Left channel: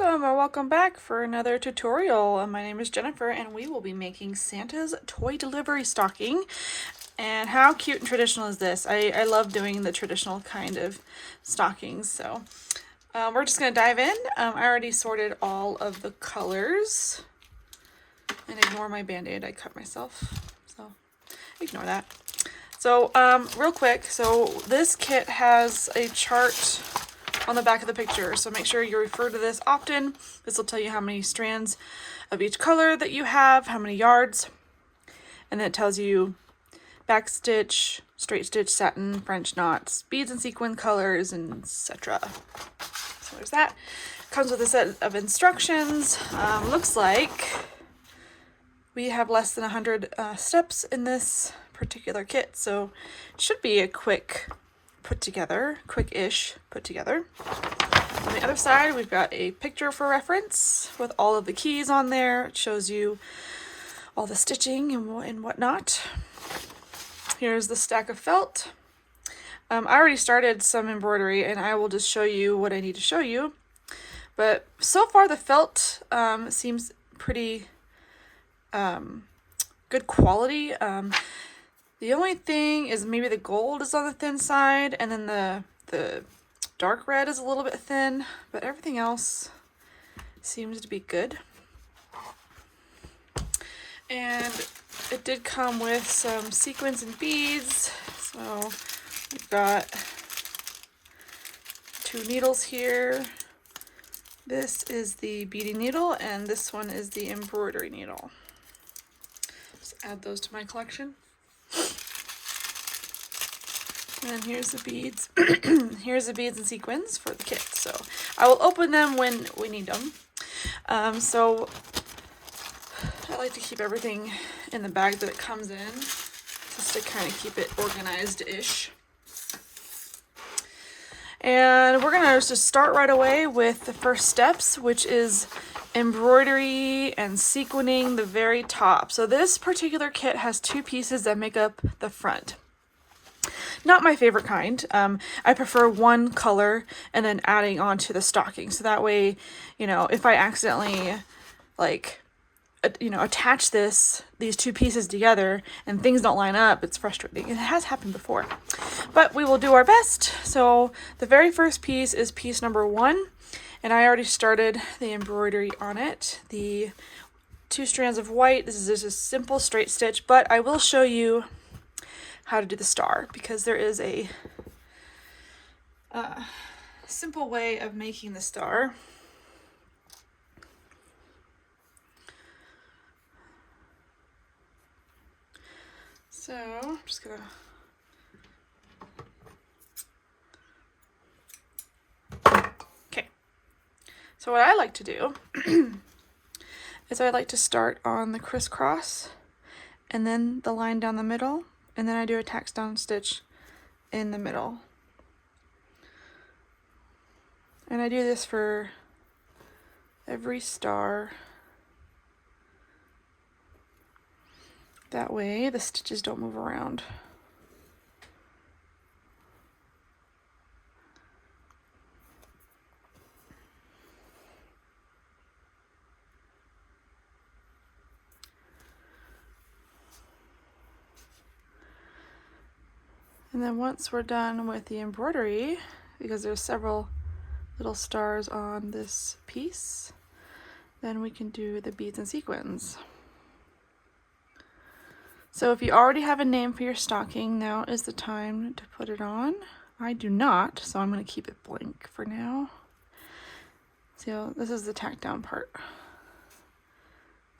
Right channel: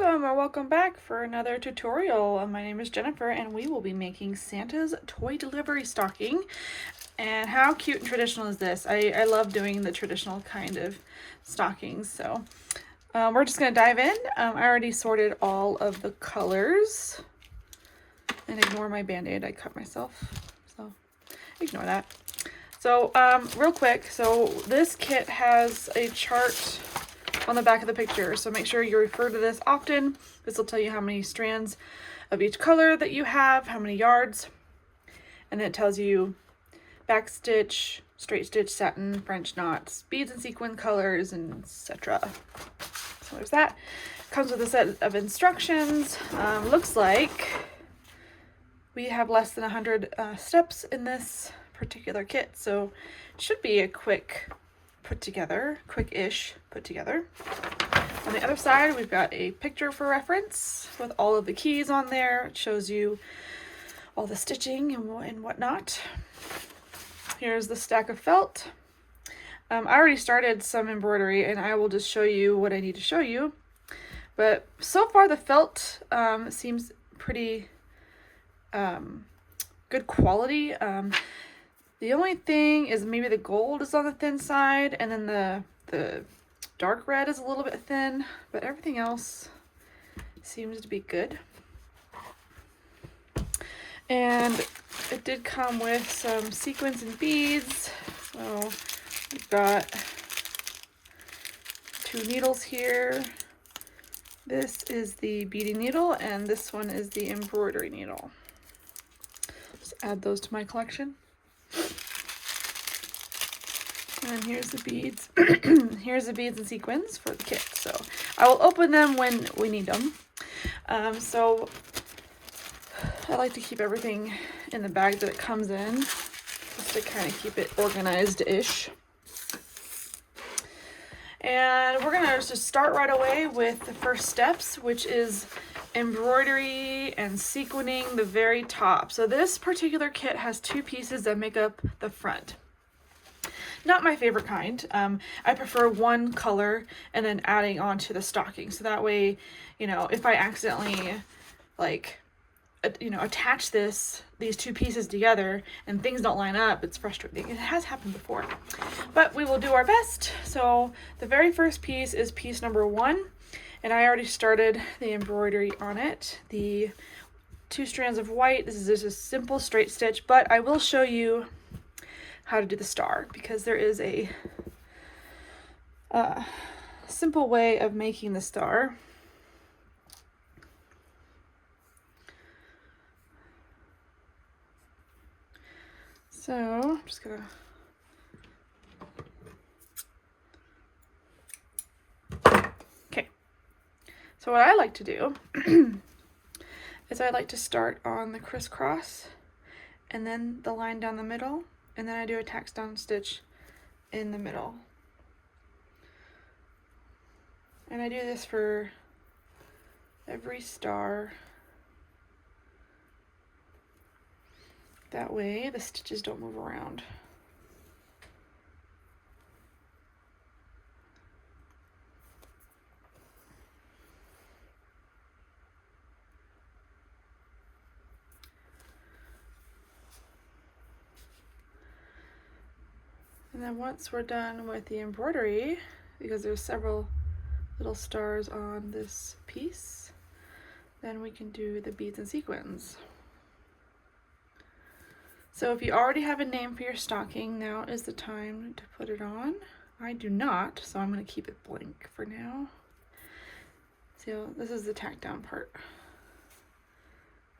Welcome or welcome back for another tutorial. My name is Jennifer and we will be making Santa's toy delivery stocking. And how cute and traditional is this? I love doing the traditional kind of stockings. So we're just going to dive in. I already sorted all of the colors. And ignore my band-aid, I cut myself. So ignore that. So real quick, so this kit has a chart on the back of the picture, so make sure you refer to this often. This will tell you how many strands of each color that you have, how many yards, and then it tells you back stitch, straight stitch, satin, French knots, beads and sequin colors, and etc. So there's that. Comes with a set of instructions. Looks like we have less than 100 steps in this particular kit, so it should be a quick quick-ish put together. On the other side, we've got a picture for reference with all of the keys on there. It shows you all the stitching and whatnot. Here's the stack of felt. I already started some embroidery and I will just show you what I need to show you. But so far the felt seems pretty good quality. The only thing is maybe the gold is on the thin side, and then the dark red is a little bit thin, but everything else seems to be good. And it did come with some sequins and beads. So we've got 2 needles here. This is the beading needle, and this one is the embroidery needle. Just add those to my collection. And here's the beads. Here's the beads and sequins for the kit. So I will open them when we need them. So I like to keep everything in the bag that it comes in, just to kind of keep it organized-ish. And we're gonna just start right away with the first steps, which is embroidery and sequining the very top. So this particular kit has 2 pieces that make up the front. Not my favorite kind. I prefer one color and then adding on to the stocking. So that way, you know, if I accidentally attach these 2 pieces together and things don't line up, it's frustrating. It has happened before, but we will do our best. So the very first piece is piece number 1, and I already started the embroidery on it. The 2 strands of white. This is just a simple straight stitch, but I will show you how to do the star, because there is a simple way of making the star. So I'm just gonna okay. So what I like to do is I like to start on the crisscross and then the line down the middle, and then I do a tack down stitch in the middle. And I do this for every star. That way the stitches don't move around. And then once we're done with the embroidery, because there's several little stars on this piece, then we can do the beads and sequins. So if you already have a name for your stocking, now is the time to put it on. I do not, so I'm going to keep it blank for now. So this is the tack down part.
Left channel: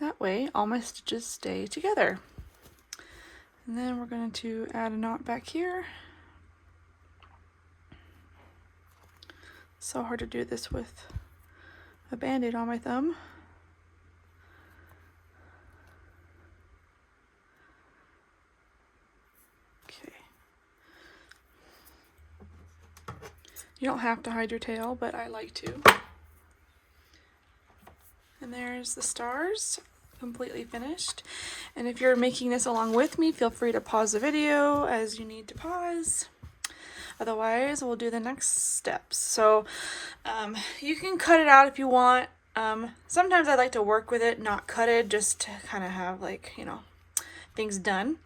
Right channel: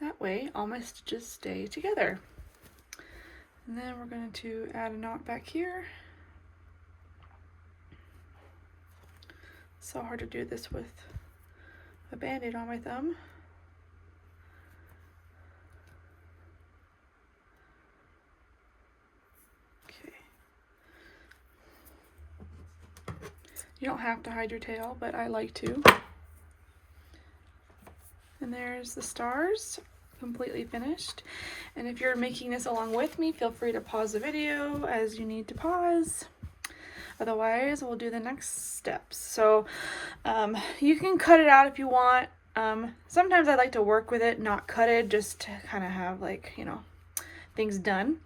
That way all my stitches stay together. And then we're going to add a knot back here. So hard to do this with a band-aid on my thumb. Okay. You don't have to hide your tail, but I like to. And there's the stars. Completely finished. And if you're making this along with me, feel free to pause the video as you need to pause. Otherwise, we'll do the next steps. So you can cut it out if you want. Sometimes I like to work with it, not cut it, just to kind of have like, you know, things done.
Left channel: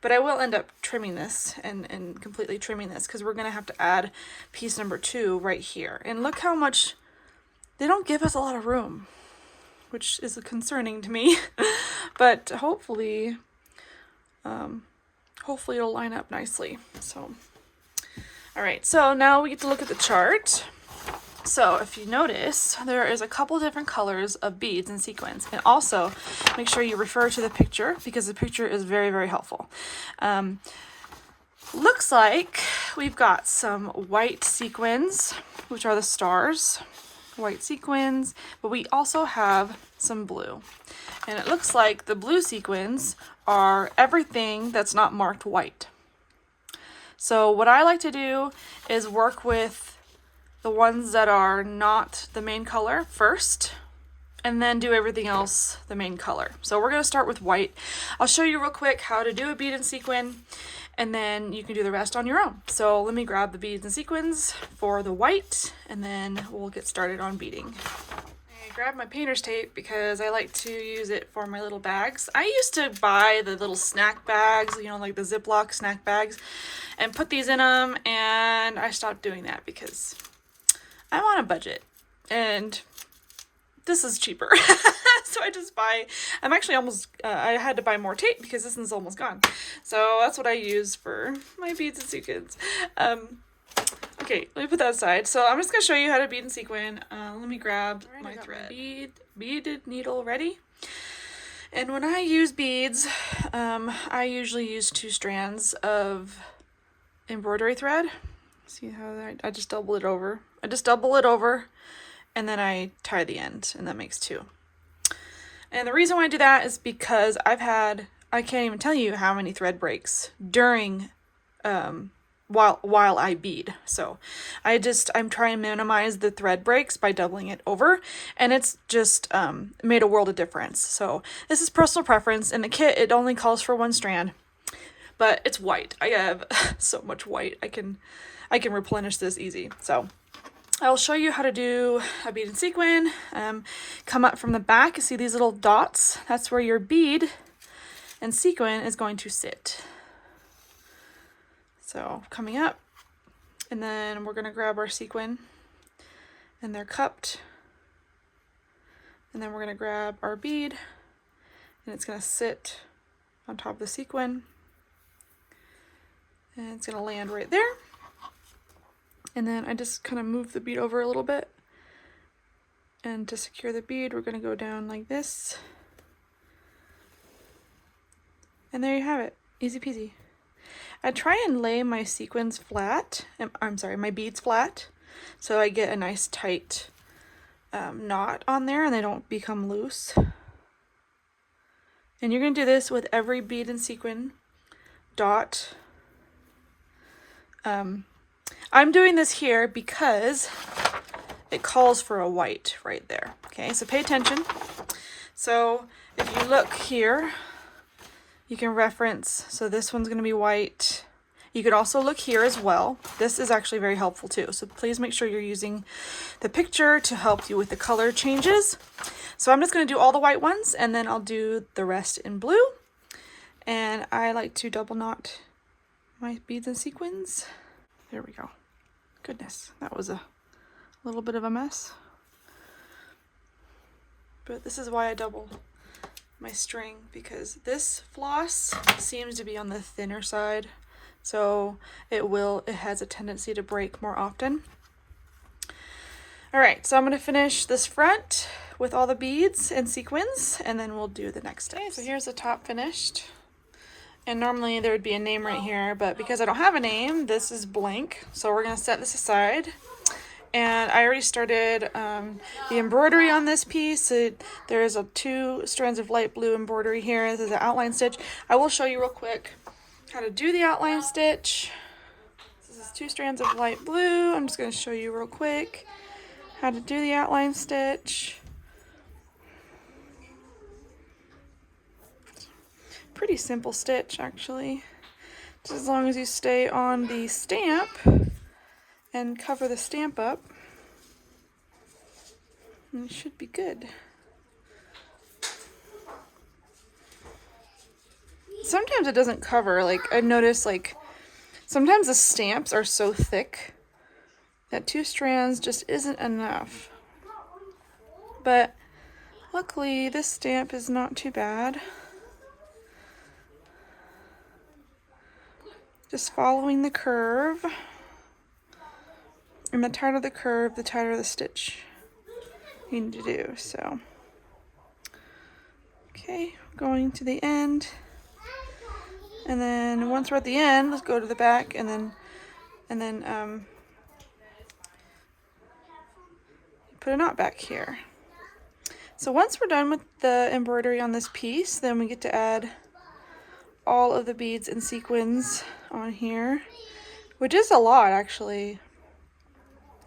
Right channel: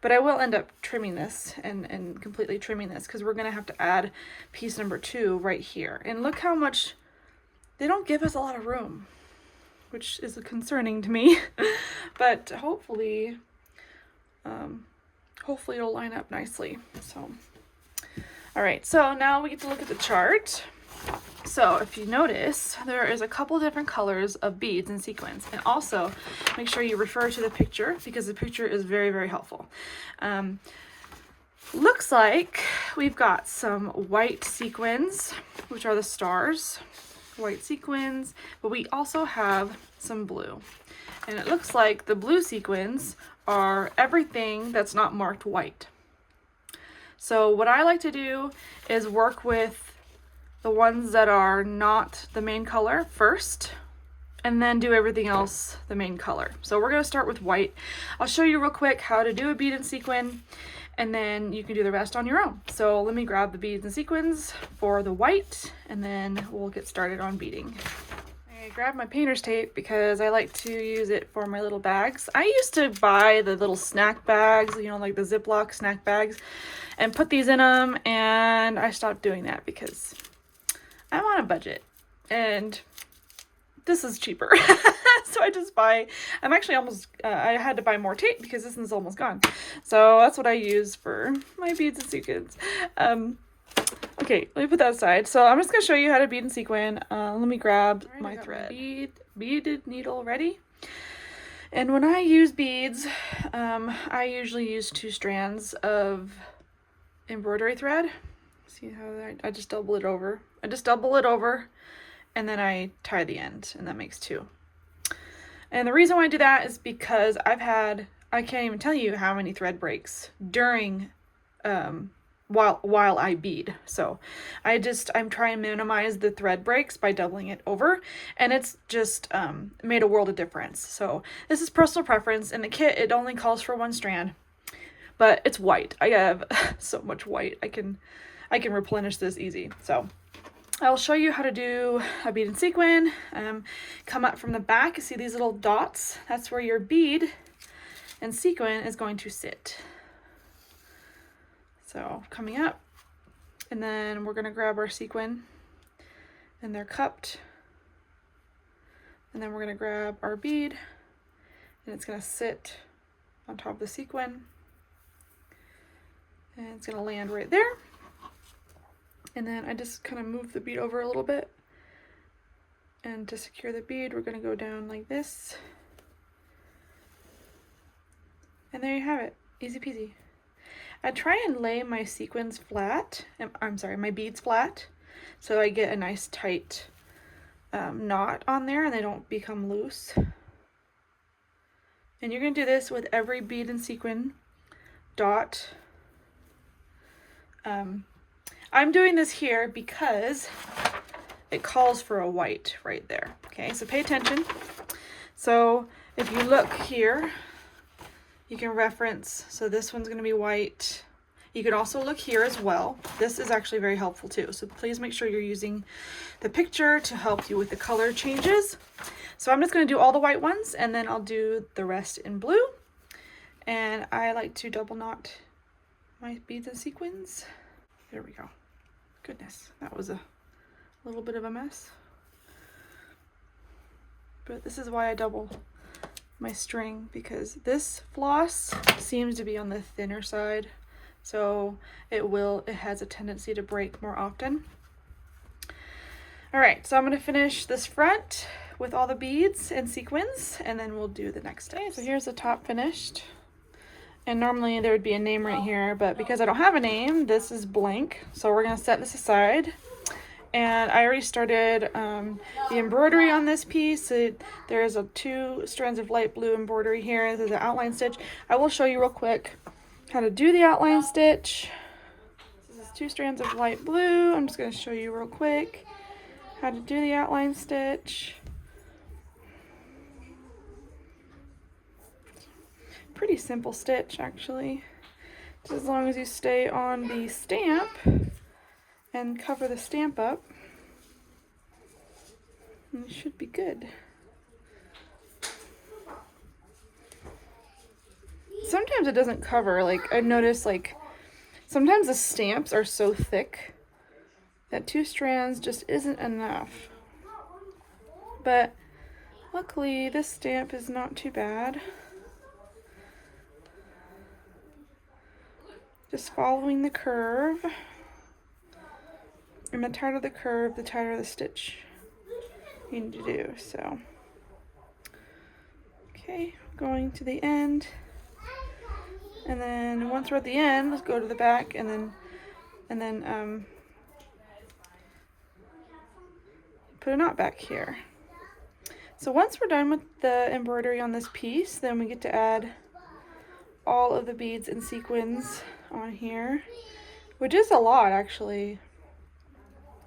But I will end up trimming this and completely trimming this because we're going to have to add piece number 2 right here. And look how much, they don't give us a lot of room, which is concerning to me. But hopefully it'll line up nicely. So, all right, so now we get to look at the chart. So if you notice, there is a couple different colors of beads and sequins. And also make sure you refer to the picture because the picture is very, very helpful. Looks like we've got some white sequins, which are the stars, white sequins, but we also have some blue. And it looks like the blue sequins are everything that's not marked white. So what I like to do is work with the ones that are not the main color first, and then do everything else the main color. So we're gonna start with white. I'll show you real quick how to do a bead and sequin, and then you can do the rest on your own. So let me grab the beads and sequins for the white, and then we'll get started on beading. I grabbed my painter's tape because I like to use it for my little bags. I used to buy the little snack bags, you know, like the Ziploc snack bags, and put these in them, and I stopped doing that because I'm on a budget and this is cheaper. So I just buy, I'm actually almost, I had to buy more tape because this one's almost gone. So that's what I use for my beads and sequins. Okay, let me put that aside. So I'm just going to show you how to bead and sequin. Let me grab my thread. Beaded needle ready. And when I use beads, I usually use 2 strands of embroidery thread. See how I just double it over. I just double it over and then I tie the end, and that makes 2. And the reason why I do that is because I can't even tell you how many thread breaks during while I bead. So I'm trying to minimize the thread breaks by doubling it over, and it's just made a world of difference. So this is personal preference. In the kit it only calls for 1 strand, but it's white. I have so much white. I can replenish this easy. So I'll show you how to do a bead and sequin. Come up from the back, you see these little dots? That's where your bead and sequin is going to sit. So coming up, and then we're gonna grab our sequin, and they're cupped. And then we're gonna grab our bead, and it's gonna sit on top of the sequin. And it's gonna land right there. And then I just kind of move the bead over a little bit. And to secure the bead, we're going to go down like this. And there you have it. Easy peasy. I try and lay my sequins flat. I'm sorry, my beads flat. So I get a nice tight knot on there and they don't become loose. And you're going to do this with every bead and sequin dot. I'm doing this here because it calls for a white right there. Okay, so pay attention. So if you look here, you can reference, so this one's going to be white. You could also look here as well. This is actually very helpful too. So please make sure you're using the picture to help you with the color changes. So I'm just going to do all the white ones and then I'll do the rest in blue. And I like to double knot my beads and sequins. There we go. Goodness, that was a little bit of a mess. But this is why I double my string, because this floss seems to be on the thinner side. So it has a tendency to break more often. All right, so I'm gonna finish this front with all the beads and sequins, and then we'll do the next step. Okay, so here's the top finished. And normally there would be a name right here, but because I don't have a name, this is blank. So we're gonna set this aside. And I already started the embroidery on this piece. There's 2 strands of light blue embroidery here. This is an outline stitch. I will show you real quick how to do the outline stitch. This is 2 strands of light blue. I'm just gonna show you real quick how to do the outline stitch. Pretty simple stitch actually, just as long as you stay on the stamp and cover the stamp up. And it should be good. Sometimes it doesn't cover. Like I noticed, like sometimes the stamps are so thick that 2 strands just isn't enough. But luckily this stamp is not too bad. Just following the curve. And the tighter the curve, the tighter the stitch you need to do. So, okay, going to the end. And then once we're at the end, let's go to the back and then put a knot back here. So once we're done with the embroidery on this piece, then we get to add all of the beads and sequins on here, which is a lot actually.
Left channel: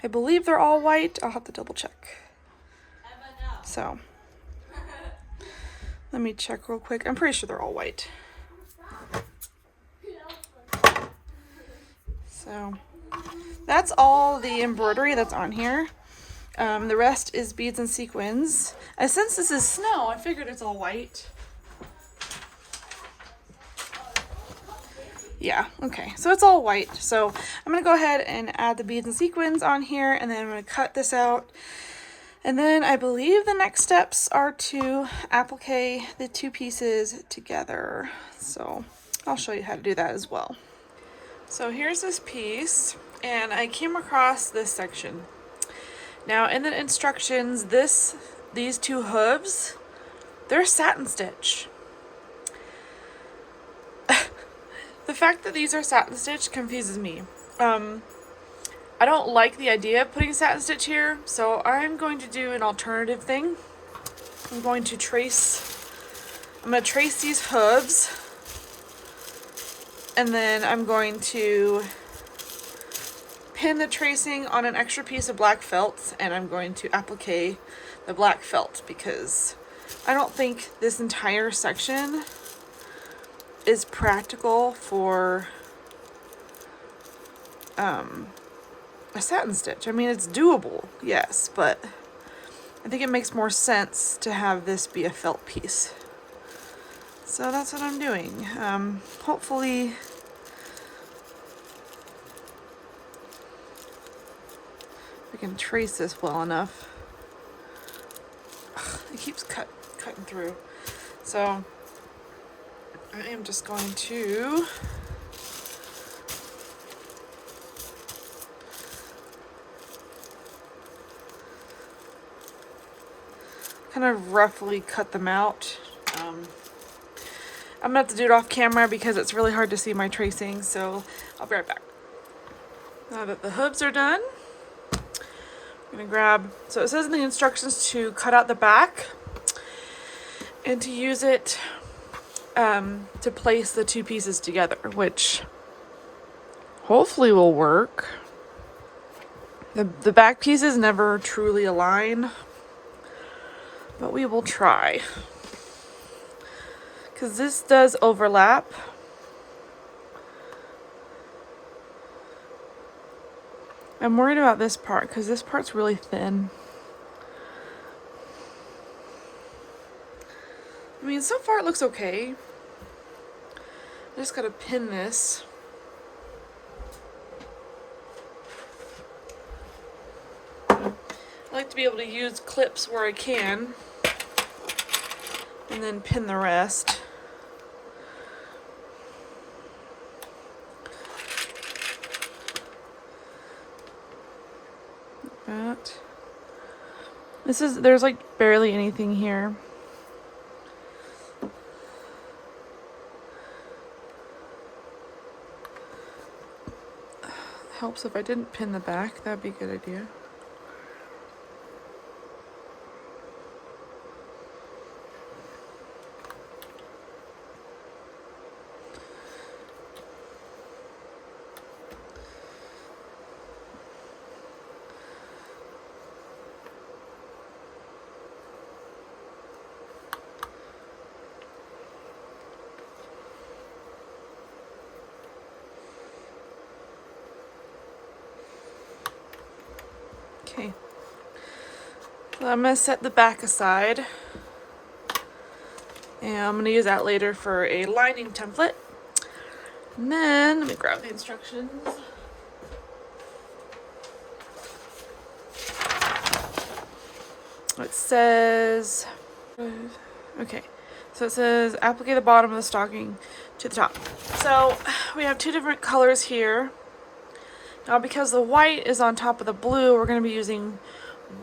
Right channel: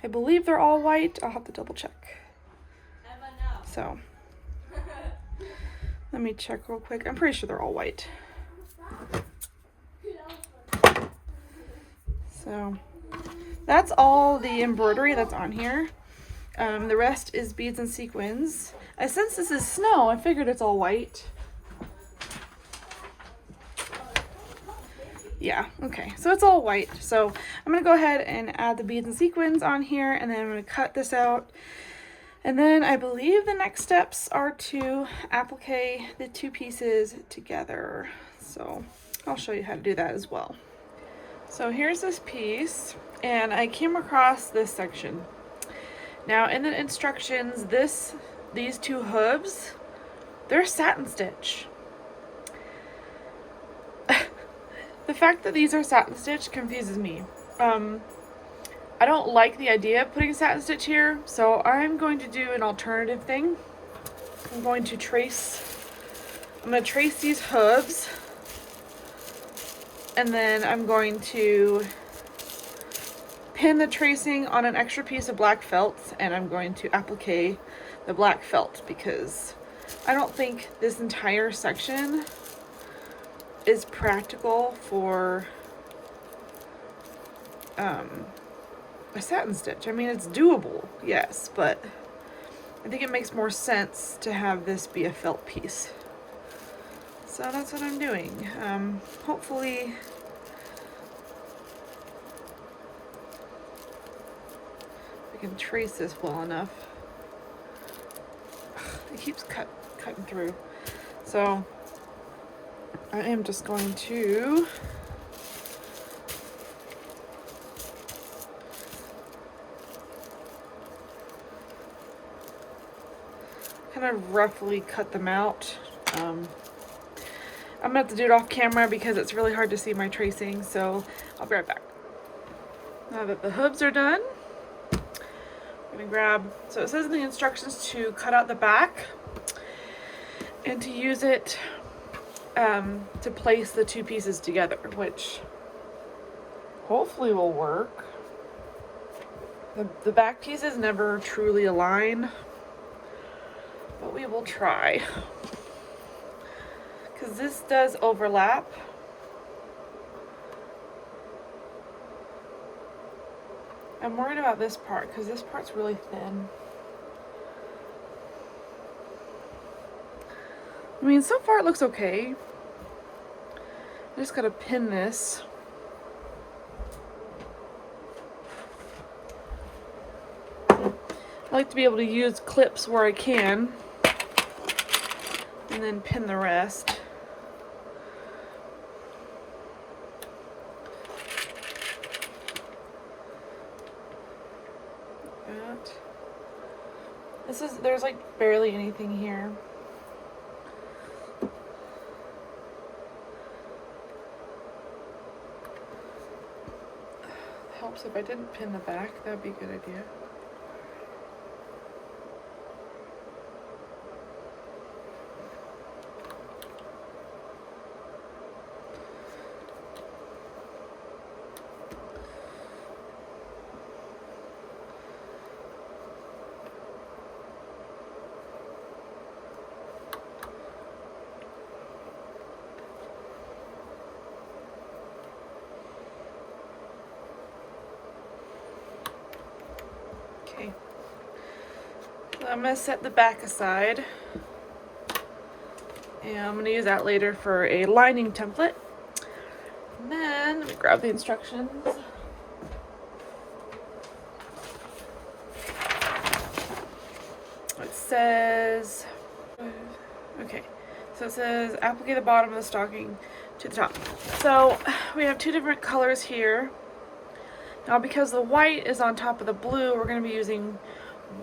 I believe they're all white. I'll have to double check. So let me check real quick. I'm pretty sure they're all white. So that's all the embroidery that's on here. The rest is beads and sequins. And since this is snow, I figured it's all white. Yeah, okay, so it's all white. So I'm gonna go ahead and add the beads and sequins on here, and then I'm gonna cut this out. And then I believe the next steps are to applique the 2 pieces together. So I'll show you how to do that as well. So here's this piece, and I came across this section. Now in the instructions, these 2 hooves, they're satin stitch. The fact that these are satin stitch confuses me. I don't like the idea of putting satin stitch here, so I'm going to do an alternative thing. I'm going to trace these hooves, and then I'm going to pin the tracing on an extra piece of black felt, and I'm going to applique the black felt because I don't think this entire section is practical for a satin stitch. I mean, it's doable, yes, but I think it makes more sense to have this be a felt piece. So that's what I'm doing. Hopefully we can trace this well enough. Ugh, it keeps cutting through. So I am just going to kind of roughly cut them out. I'm gonna have to do it off camera because it's really hard to see my tracing, so I'll be right back. Now that the hooves are done, I'm gonna grab, so it says in the instructions to cut out the back and to use it to place the 2 pieces together, which hopefully will work. The back pieces never truly align, but we will try. Because this does overlap. I'm worried about this part because this part's really thin. I mean, so far it looks okay. I just gotta pin this. I like to be able to use clips where I can and then pin the rest. That. There's like barely anything here. Helps if I didn't pin the back, that'd be a good idea. Okay, so I'm going to set the back aside, and I'm going to use that later for a lining template. And then let me grab the instructions. It says, okay, so it says applique the bottom of the stocking to the top. So we have two different colors here. Now because the white is on top of the blue, we're going to be using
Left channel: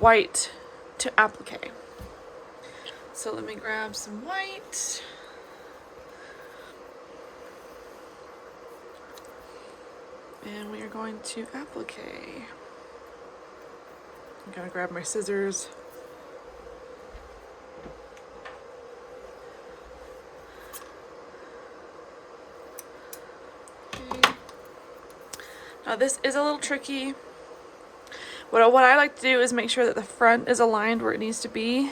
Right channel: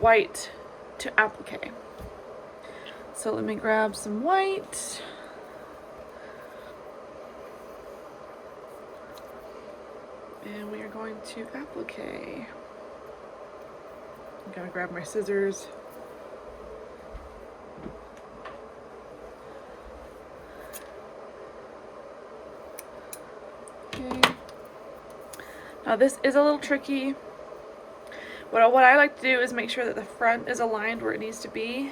white to applique. So let me grab some white. And we are going to applique. I'm going to grab my scissors. Now this is a little tricky. What I like to do is make sure that the front is aligned where it needs to be.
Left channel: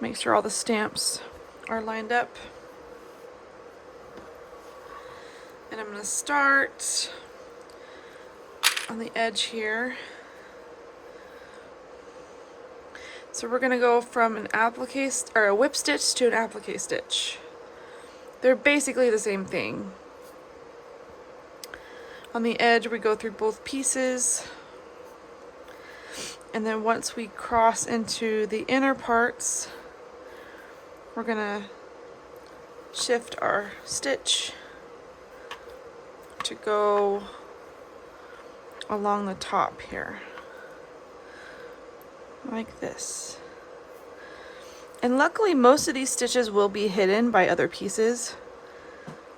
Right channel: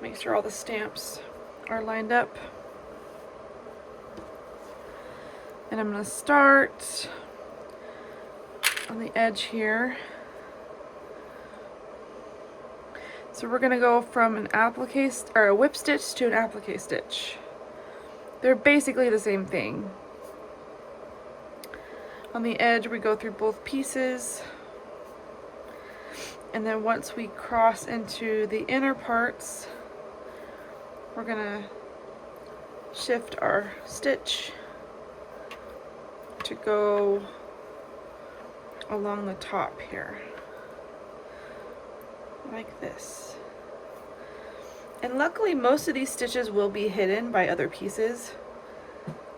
Make sure all the stamps are lined up. And I'm going to start on the edge here. So we're going to go from an applique or a whip stitch to an applique stitch. They're basically the same thing. On the edge, we go through both pieces, and then once we cross into the inner parts, we're gonna shift our stitch to go along the top here, like this. And luckily, most of these stitches will be hidden by other pieces.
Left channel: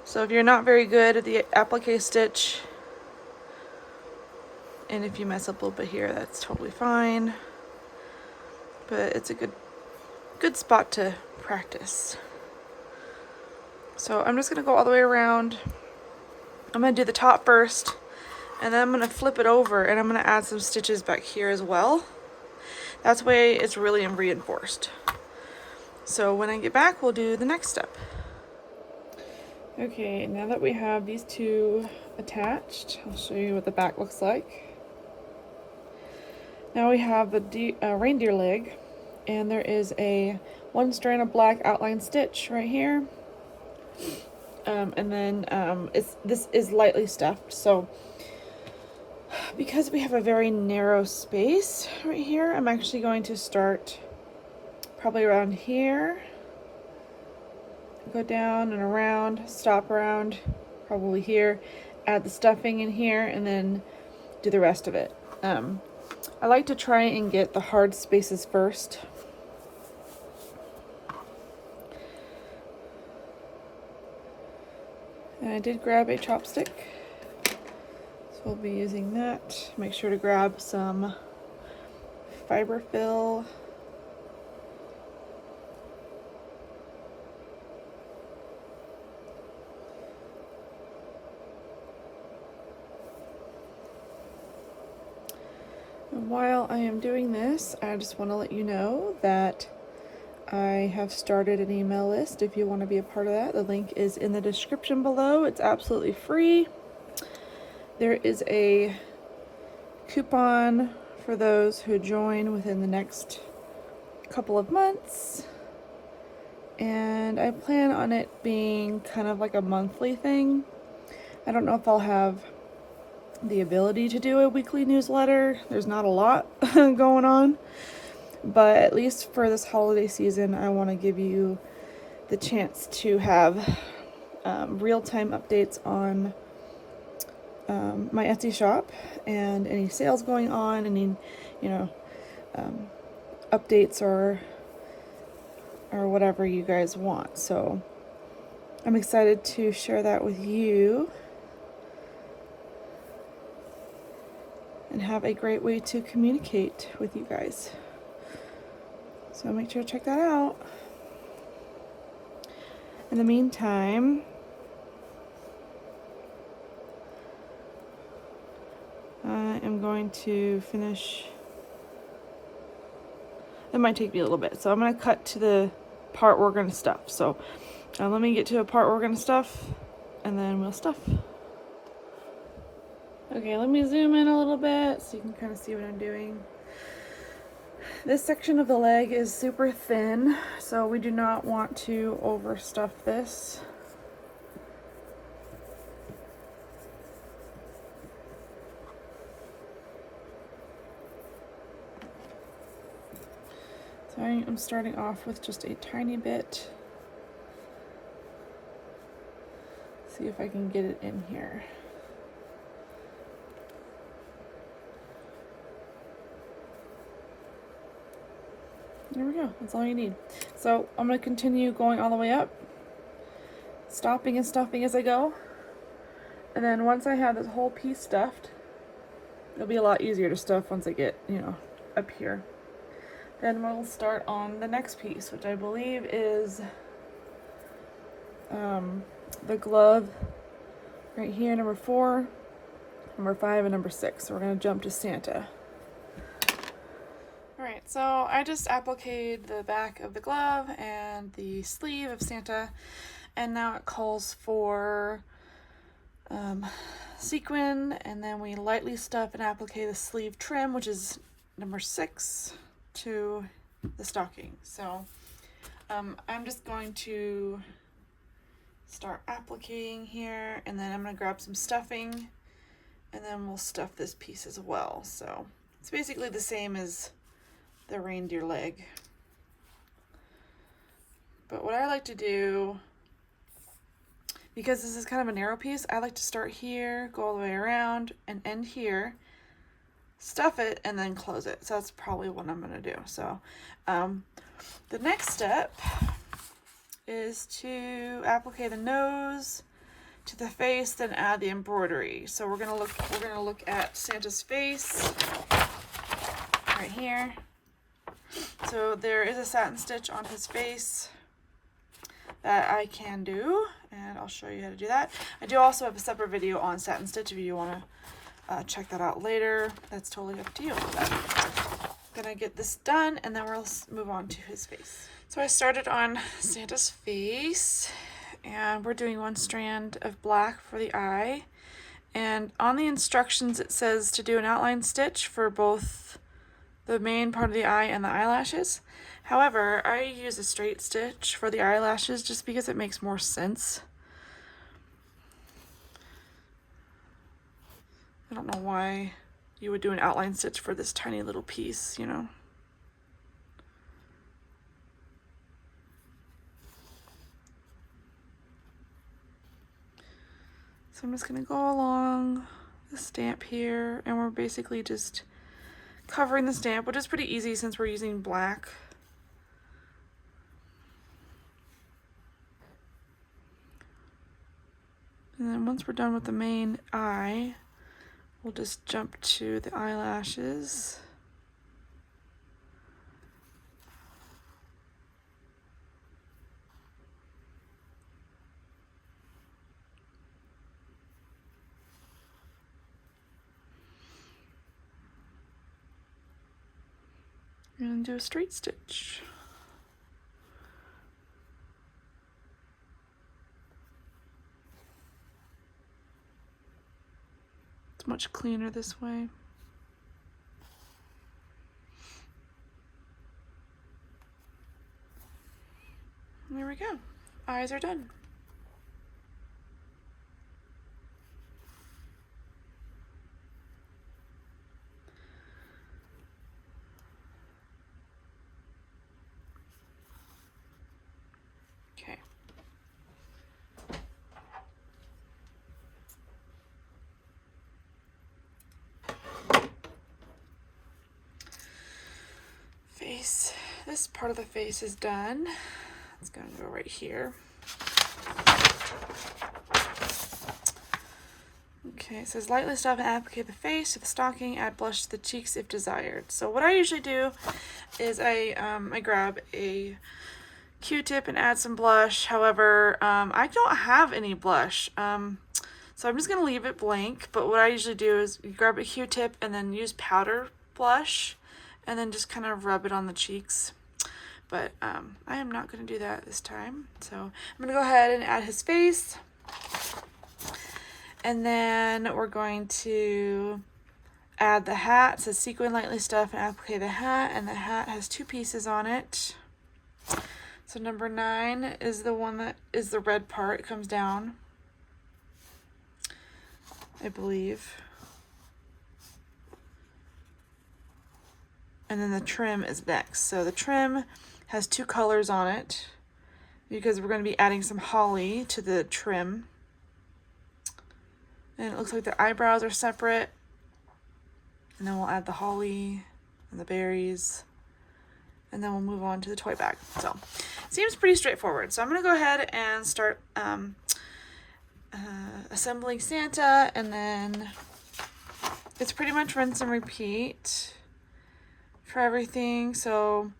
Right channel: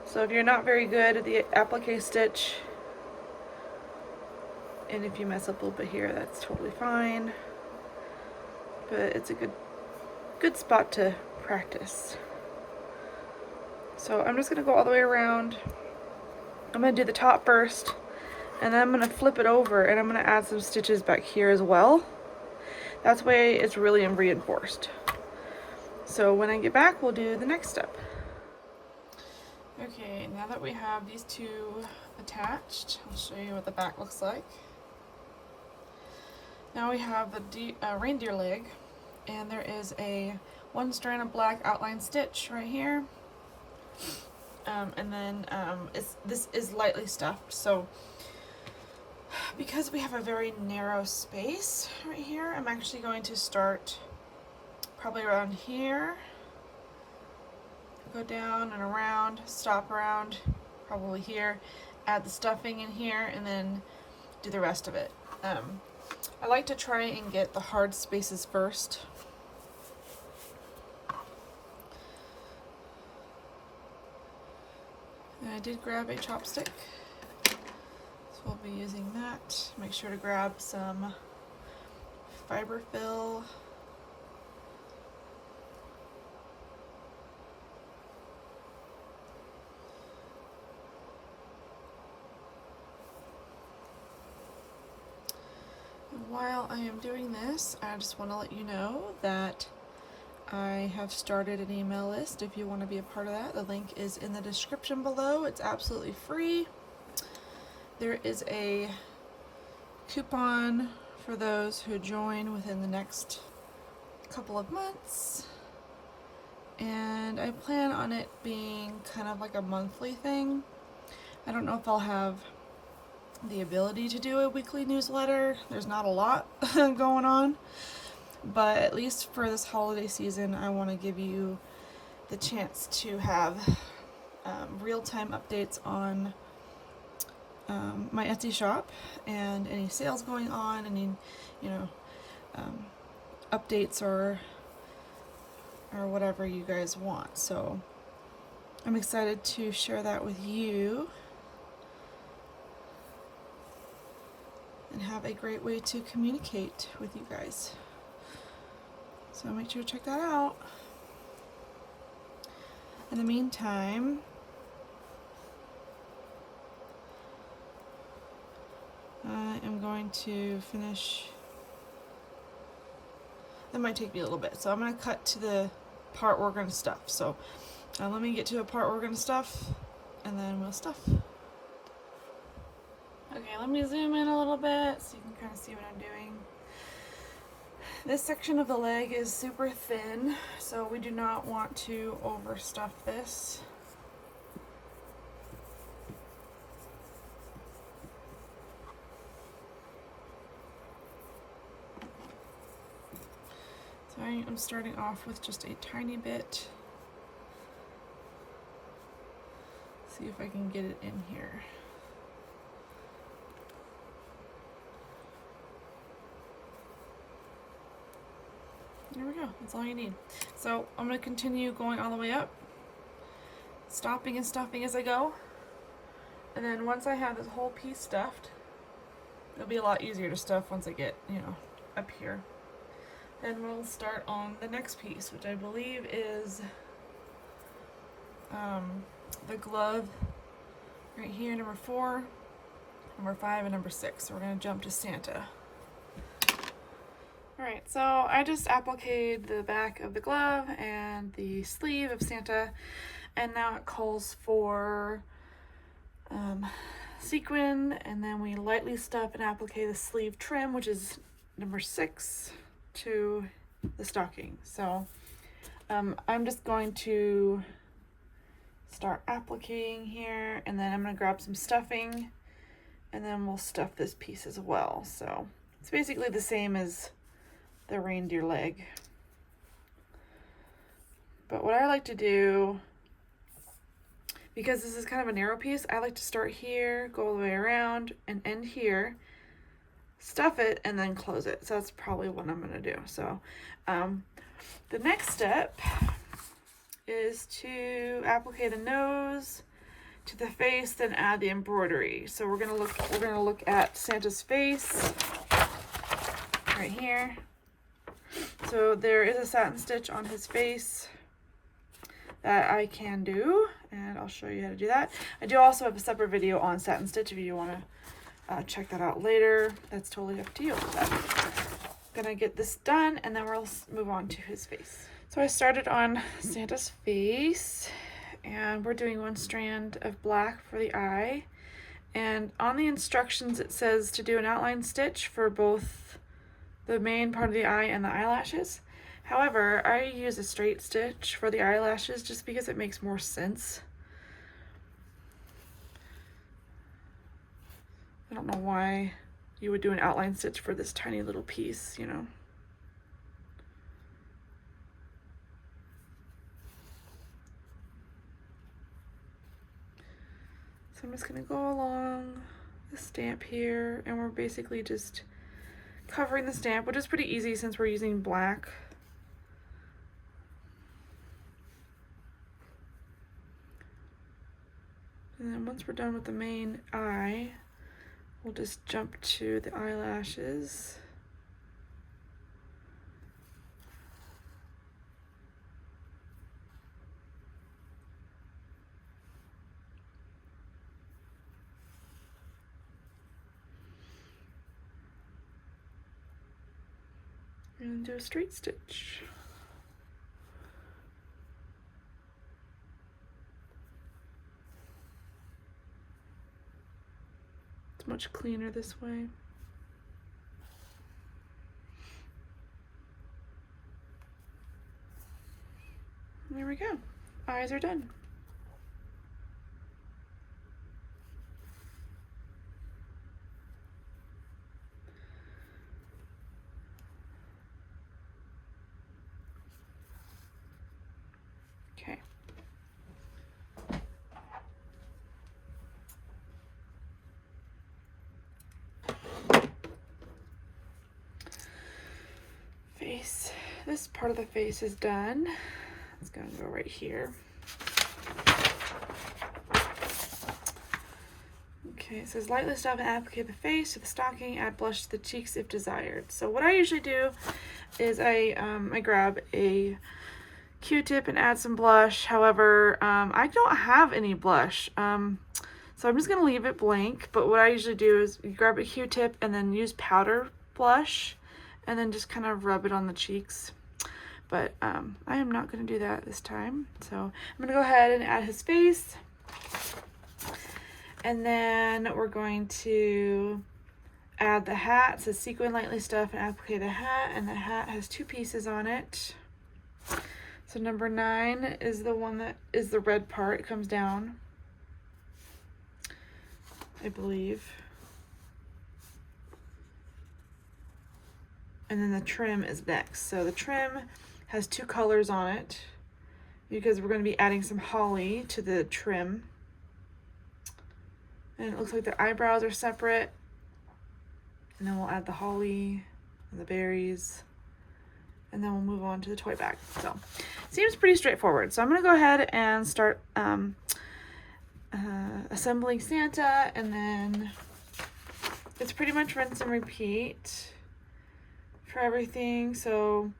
So if you're not very good at the applique stitch, and if you mess up a little bit here, that's totally fine. But it's a good spot to practice. So I'm just gonna go all the way around. I'm gonna do the top first, and then I'm gonna flip it over, and I'm gonna add some stitches back here as well. That's the way it's really reinforced. So when I get back, we'll do the next step. Okay, now that we have these two attached, I'll show you what the back looks like. Now we have the reindeer leg, and there is a one strand of black outline stitch right here. And then this is lightly stuffed, so because we have a very narrow space right here, I'm actually going to start probably around here, go down and around, stop around probably here, add the stuffing in here, and then do the rest of it. I like to try and get the hard spaces first. And I did grab a chopstick, so we'll be using that. Make sure to grab some fiber fill. While I am doing this, I just want to let you know that I have started an email list. If you want to be a part of that, the link is in the description below. It's absolutely free. There is a coupon for those who join within the next couple of months, and I plan on it being kind of like a monthly thing. I don't know if I'll have the ability to do a weekly newsletter. There's not a lot going on, but at least for this holiday season, I want to give you the chance to have real-time updates on my Etsy shop and any sales going on, any updates or whatever you guys want. So I'm excited to share that with you and have a great way to communicate with you guys. So make sure to check that out. In the meantime, I am going to finish. That might take me a little bit, so I'm going to cut to the part we're going to stuff. So let me get to a part we're going to stuff, and then we'll stuff. Okay, Okay, let me zoom in a little bit so you can kind of see what I'm doing. This section of the leg is super thin, so we do not want to overstuff this. So I'm starting off with just a tiny bit. See if I can get it in here. There we go, that's all you need. So I'm going to continue going all the way up, stopping and stuffing as I go. And then once I have this whole piece stuffed, it'll be a lot easier to stuff once I get, you know, up here. Then we'll start on the next piece, which I believe is the glove right here, number 4, number 5, and number 6. So we're going to jump to Santa. Alright, so I just appliqued the back of the glove and the sleeve of Santa, and now it calls for sequin, and then we lightly stuff and applique the sleeve trim, which is number 6, to the stocking. So I'm just going to start appliquing here, and then I'm going to grab some stuffing, and then we'll stuff this piece as well. So it's basically the same as the reindeer leg. But what I like to do, because this is kind of a narrow piece, I like to start here, go all the way around, and end here, stuff it, and then close it. So that's probably what I'm going to do. So the next step is to applique the nose to the face, then add the embroidery. So we're going to look at Santa's face right here. So there is a satin stitch on his face that I can do, and I'll show you how to do that. I do also have a separate video on satin stitch if you want to check that out later. That's totally up to you. I'm gonna get this done, and then we'll move on to his face. So I started on Santa's face, and we're doing 1 strand of black for the eye. And on the instructions it says to do an outline stitch for both the main part of the eye and the eyelashes. However, I use a straight stitch for the eyelashes just because it makes more sense. I don't know why you would do an outline stitch for this tiny little piece, you know. So I'm just gonna go along the stamp here, and we're basically just covering the stamp, which is pretty easy since we're using black. And then once we're done with the main eye, we'll just jump to the eyelashes. And do a straight stitch. It's much cleaner this way. There we go. Eyes are done. Okay. Face. This part of the face is done. It's going to go right here. Okay, it says lightly stuff and applique the face to the stocking, add blush to the cheeks if desired. So what I usually do is I grab a Q-tip and add some blush. However, I don't have any blush, so I'm just going to leave it blank. But what I usually do is you grab a Q-tip and then use powder blush and then just kind of rub it on the cheeks. But I am not going to do that this time. So I'm going to go ahead and add his face. And then we're going to add the hat. It says sequin lightly stuff and applique the hat, and the hat has 2 pieces on it. So number 9 is the one that is the red part. It comes down, I believe. And then the trim is next. So the trim has 2 colors on it because we're going to be adding some holly to the trim. And it looks like the eyebrows are separate. And then we'll add the holly and the berries. And then we'll move on to the toy bag. So seems pretty straightforward. So I'm going to go ahead and start assembling Santa, and then it's pretty much rinse and repeat for everything. So,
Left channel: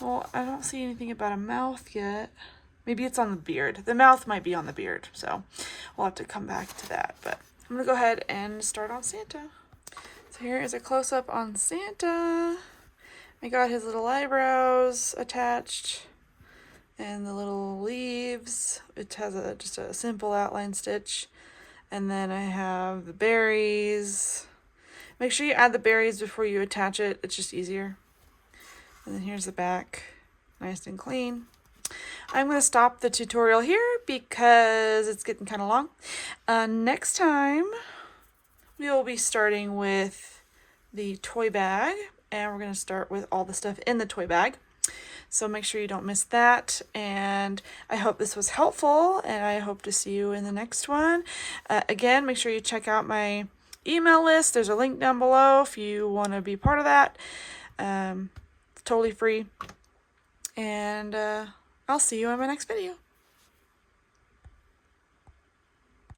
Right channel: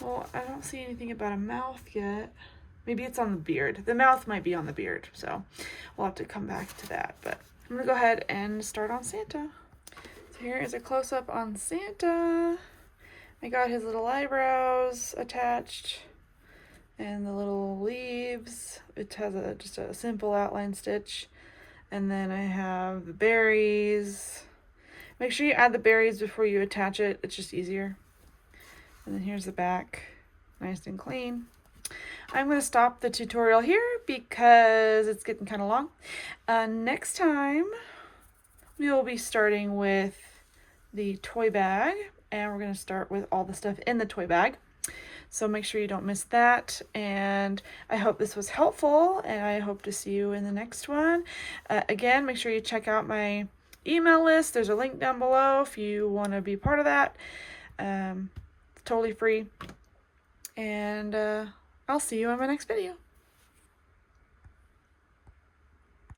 well, I don't see anything about a mouth yet. Maybe it's on the beard. The mouth might be on the beard, so we'll have to come back to that. But I'm gonna go ahead and start on Santa. So here is a close-up on Santa. I got his little eyebrows attached and the little leaves. It has just a simple outline stitch. And then I have the berries. Make sure you add the berries before you attach it. It's just easier. And then here's the back, nice and clean. I'm going to stop the tutorial here because it's getting kind of long. Next time, we will be starting with the toy bag, and we're going to start with all the stuff in the toy bag. So make sure you don't miss that, and I hope this was helpful, and I hope to see you in the next one. Again, make sure you check out my email list. There's a link down below if you want to be part of that. It's totally free, and I'll see you in my next video.